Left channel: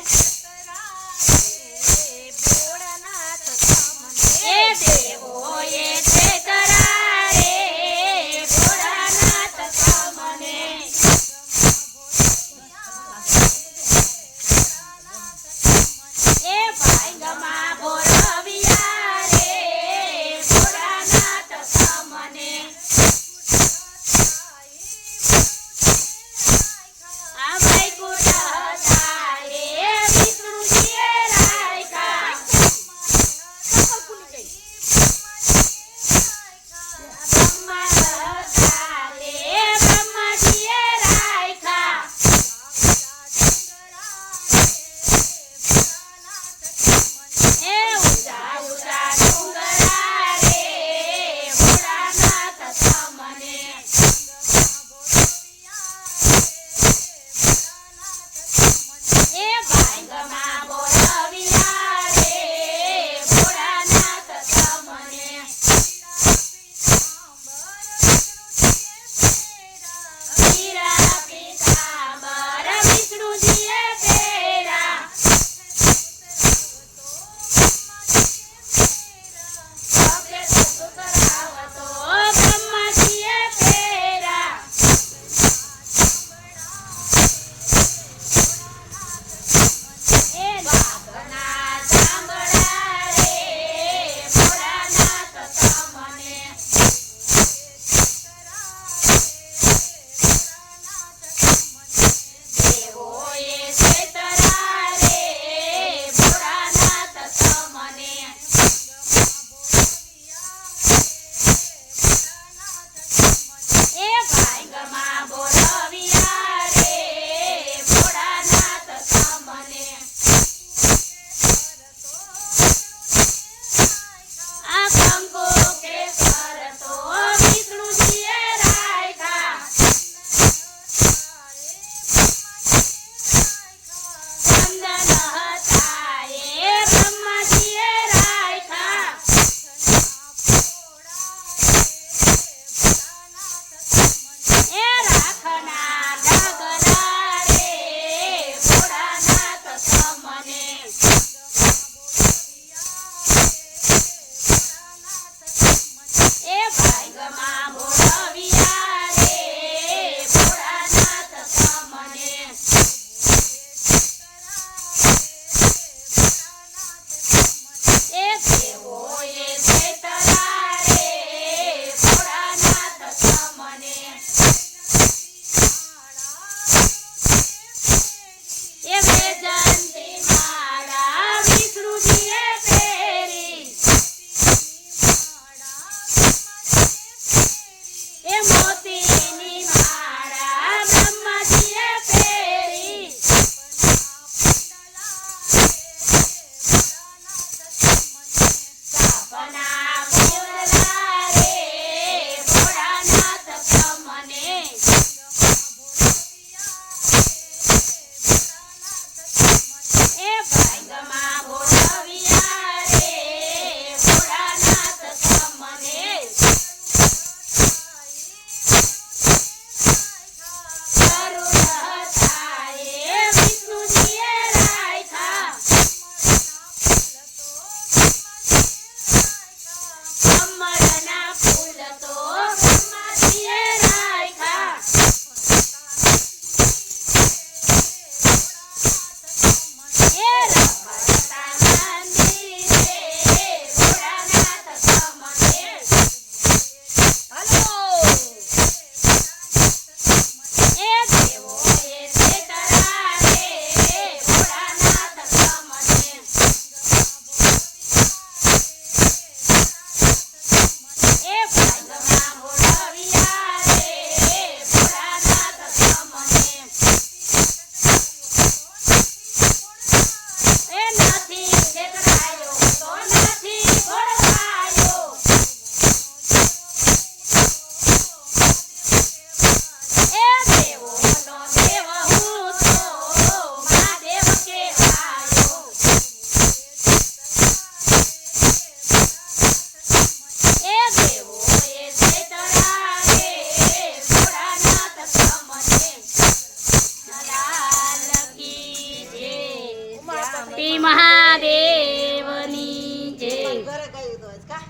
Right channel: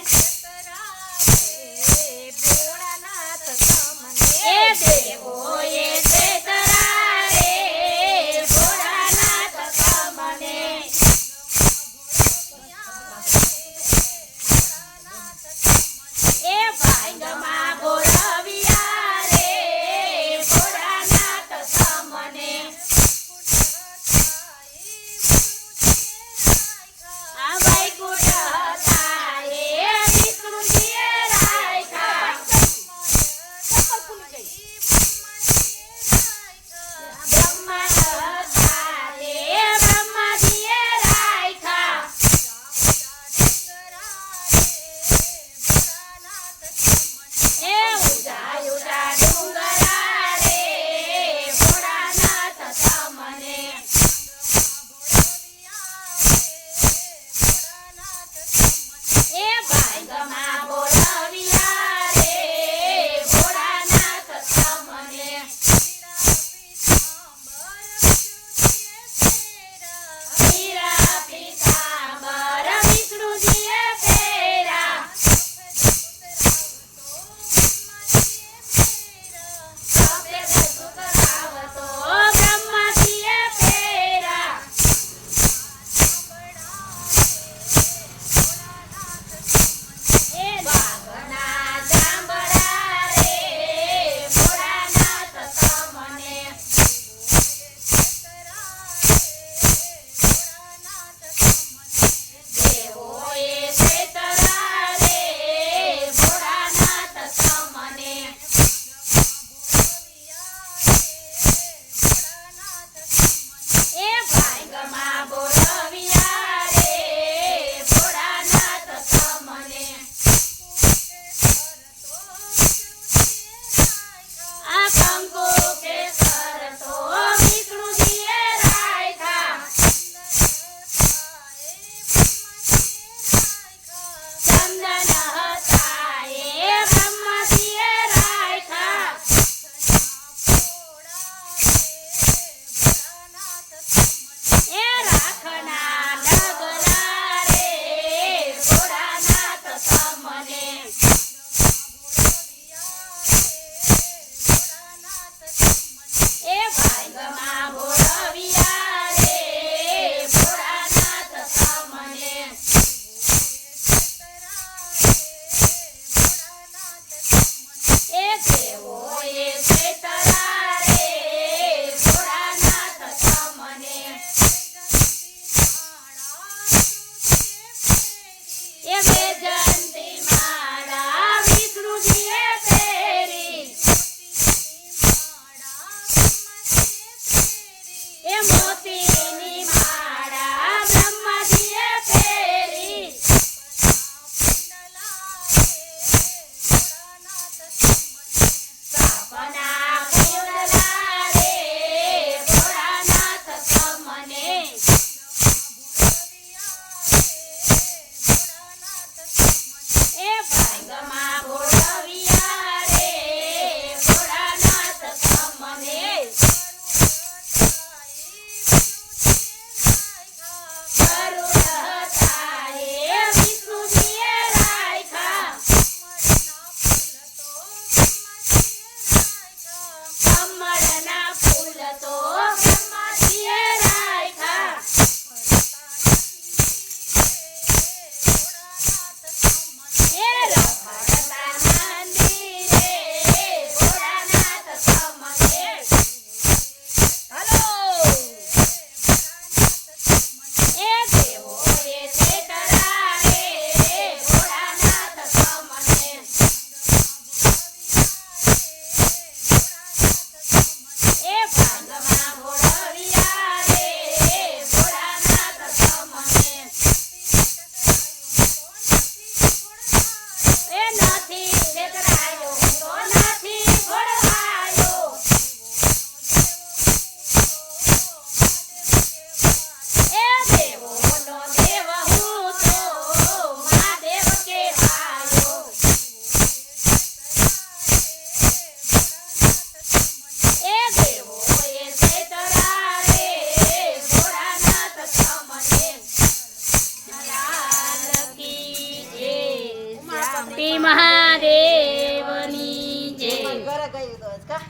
Yes.